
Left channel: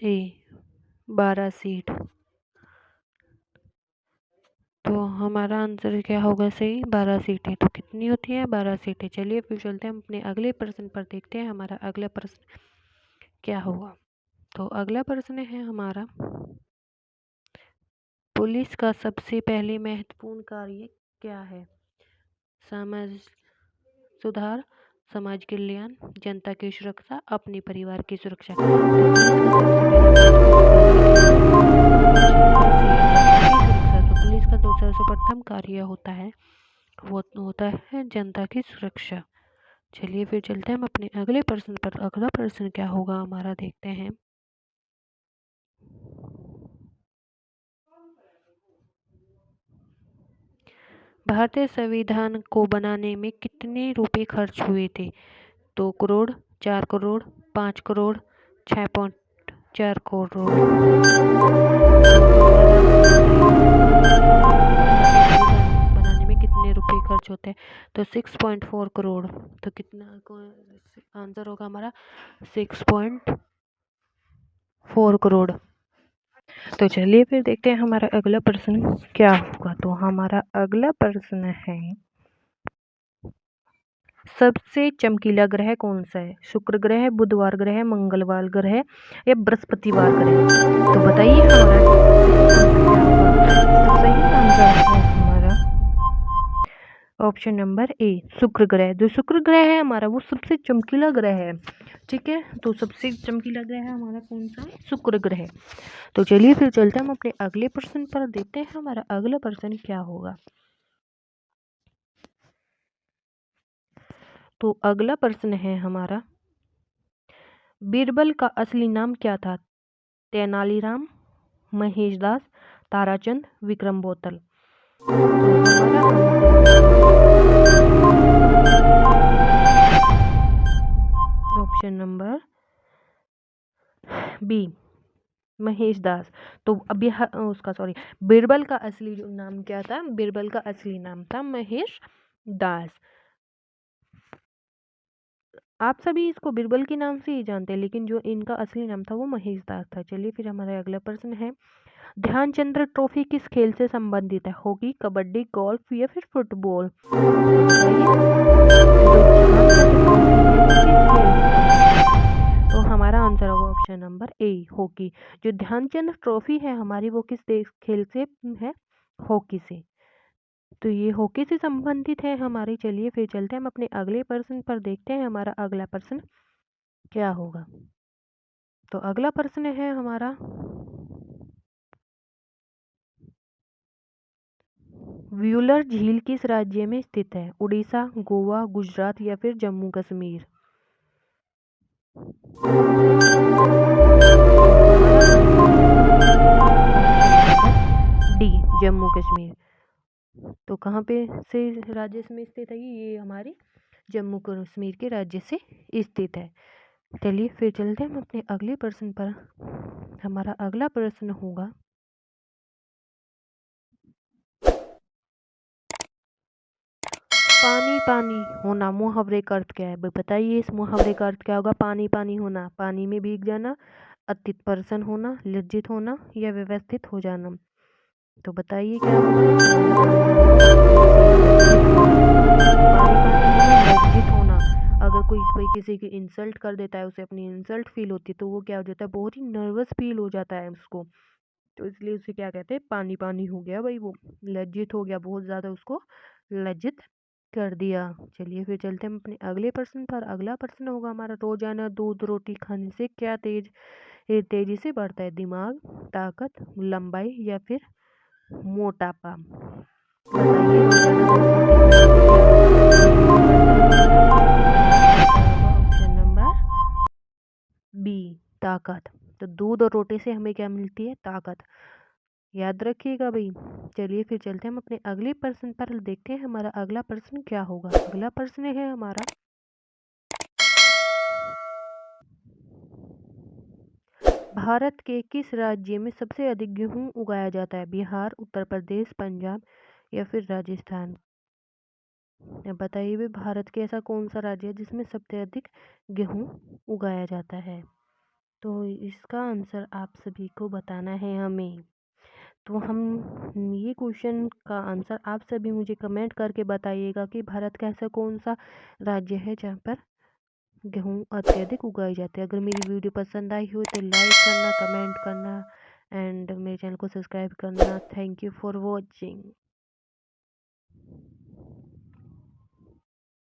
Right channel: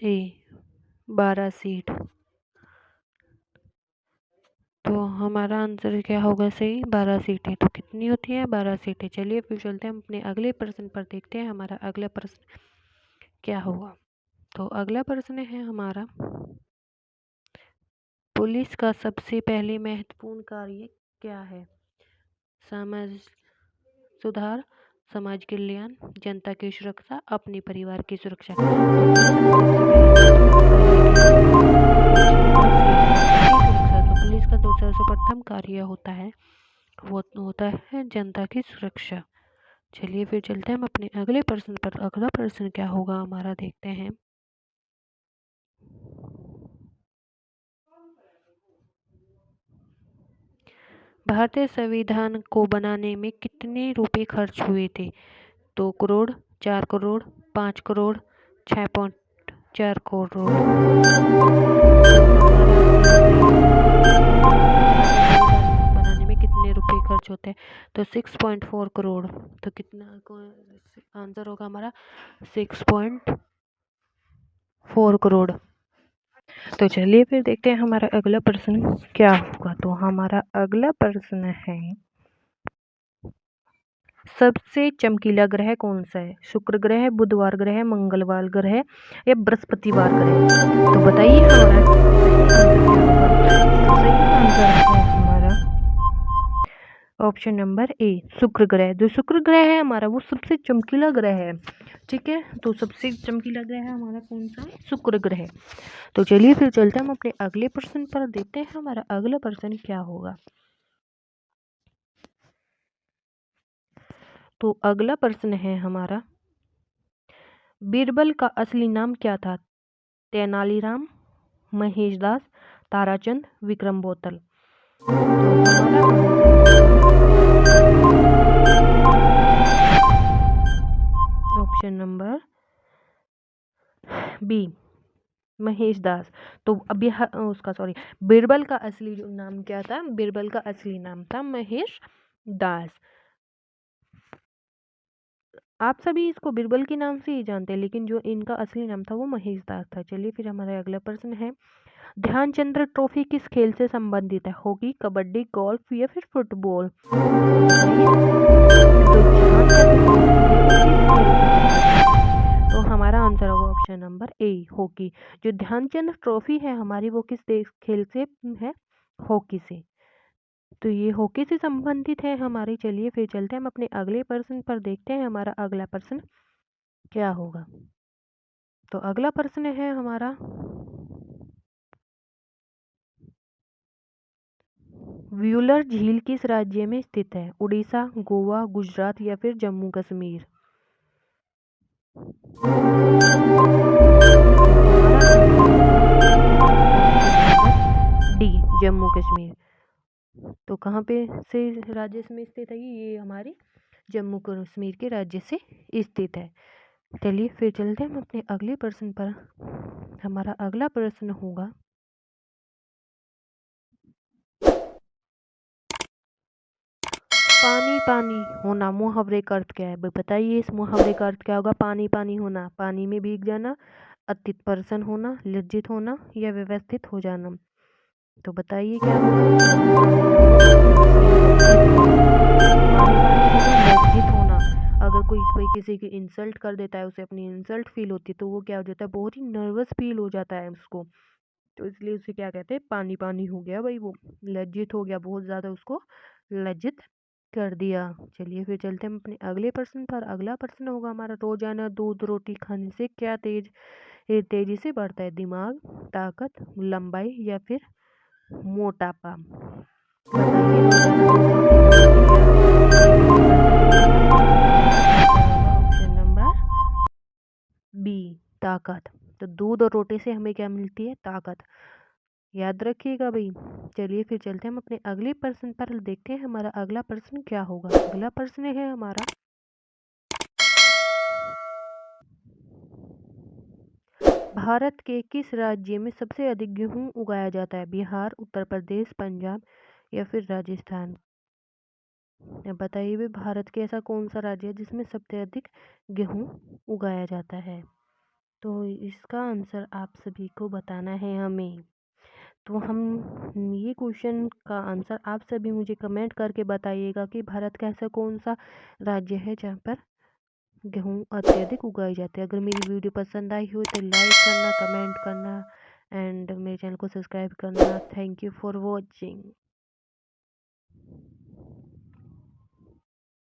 ए, 12 सीट। तो हमारा आंसर क्या होगा सही? 12 सीटें। तो कितनी होती है? 12 सीटें। चलिए फिर चलते हैं हम अपने अगले प्रश्न पर। देखते हैं हमारा अगला प्रश्न क्या होगा। तो अगला प्रश्न है हमारा, पुलिस का सबसे पहले महत्वपूर्ण कार्य क्या है? समाज सुधार, समाज कल्याण, जनता की सुरक्षा, अपने परिवार की सुरक्षा? तो पुलिस का जो सर्वप्रथम कार्य होता है वो होता है जनता की सुरक्षा। चलिए फिर चलते हैं हम अपने अगले प्रश्न पर। अगला प्रश्न क्या होगा हमारा देखते हैं। भारतीय संविधान को बनाने में कितने रुपए खर्च हुए थे? 2 करोड़, 4 करोड़, 5 करोड़, 6.4 करोड़? बनाने में कितने रुपए खर्च होते हैं? तो 6.4 करोड़। तो कितना आंसर होगा हमारा? 6.4 करोड़। तो चलिए फिर देखते हैं हमारा अगला प्रश्न क्या होगा। तो हमारा अगला प्रश्न है, सबसे चमकीला ग्रह कौन सा है? शुक्र ग्रह, बुधवार ग्रह, मंगलवार ग्रह या बृहस्पतिवार ग्रह? तो बताइए हमारा सही आंसर क्या होगा। तो सही आंसर है हमारा ऑप्शन नंबर ए शुक्र ग्रह। जो शुक्र ग्रह है हमारा वो सबसे चमकीला ग्रह है। ठीक है, तो सबसे चमकीला ग्रह है हमारा कौन सा? शुक्र ग्रह। तो चलिए फिर चलते हैं हम अपने अगले प्रश्न पर, देखते हैं हमारा अगला प्रश्न क्या होगा। तो अगला प्रश्न है हमारा, बीरबल का असली नाम क्या था? तेनालीराम, महेशदास, ताराचंद, विक्रम बोतल। तो हमारा ऑप्शन नंबर बी महेश दास। तो अभी उसका सॉरी, बीरबल का असली नाम क्या था? बीरबल का असली नाम था महेश दास। आप सभी इसको बीरबल के नाम से ही जानते हैं, लेकिन जो इनका असली नाम था वो महेश दास था। चलिए फिर हमारा अगला प्रश्न है, ध्यानचंद्र ट्रॉफी किस खेल से संबंधित है? हॉकी, कबड्डी, गोल्फ या फिर फुटबॉल? बताइए। तो ध्यानचंद्र ट्रॉफी है वो किस खेल से संबंधित है? तो हमारा आंसर होगा ऑप्शन नंबर ए हॉकी। जो ध्यानचंद ट्रॉफी है हमारी वो किस देश खेल से है? हॉकी से। तो ये हॉकी से संबंधित है हमारी। चलिए फिर चलते हैं हम अपने अगले प्रश्न पर, देखते हैं हमारा अगला प्रश्न क्या होगा। तो अगला प्रश्न है हमारा, व्यूलर झील किस राज्य में स्थित है? उड़ीसा, गोवा, गुजरात या फिर जम्मू कश्मीर? डी जम्मू कश्मीर। तो कहाँ पे से राज्य में स्थित है? ये हमारे जम्मू कश्मीर के राज्य से स्थित है। चलिए फिर चलते हैं हम अपने अगले प्रश्न पर। हमारा अगला प्रश्न होगा, पानी पानी होना मुहावरे का अर्थ क्या है? बताइए, इस मुहावरे का अर्थ क्या होगा? पानी पानी होना, पानी में भीग जाना, अति प्रसन्न होना, लज्जित होना या व्यवस्थित हो जाना। तो बताइए क्या होगा? पानी पानी होना, लज्जित होना। अगर कोई कोई किसी की इंसल्ट कर देता है, उसे अपनी इंसल्ट फील होती है, तो वो क्या हो जाता है? बहुत ही नर्वस फील हो जाता है उसको। तो इसलिए उसे क्या कहते हैं? पानी पानी हो गया भाई, वो लज्जित हो गया, बहुत ज़्यादा उसको लज्जित कर दिया। चलिए फिर चलते हैं हम अपने अगले प्रश्न पर। अगला प्रश्न होगा हमारा, रोजाना दूध रोटी खाने से क्या तेजी से बढ़ता है? दिमाग, ताकत, लंबाई या फिर मोटापा? बताइए, रोजाना दूध रोटी खाने से क्या तेजी से बढ़ता है? ऑप्शन नंबर बी ताकत। तो दूध और रोटी से हमें क्या मिलती है? ताकत। याद रखिएगा भाई। चलिए फिर चलते हैं हम अपने अगले प्रश्न पर, देखते हैं हमारा अगला प्रश्न क्या होगा। अगला प्रश्न है हमारा, भारत के किस राज्य में सबसे अधिक गेहूं उगाया जाता है? बिहार, उत्तर प्रदेश, पंजाब या फिर राजस्थान? अब बताइए भी, भारत के ऐसा कौन सा राज्य है जिसमें सबसे अधिक गेहूं उगाया जाता है? तो इसका आंसर आप सभी को बताना है हमें। तो हम ये क्वेश्चन का आंसर आप सभी मुझे कमेंट करके बताइएगा कि भारत का ऐसा कौन सा राज्य है जहाँ पर गेहूँ अत्यधिक उगाई जाती है। अगर मेरी वीडियो पसंद आई हो तो लाइक करना, कमेंट करना एंड मेरे चैनल को सब्सक्राइब करना। Thank you for watching.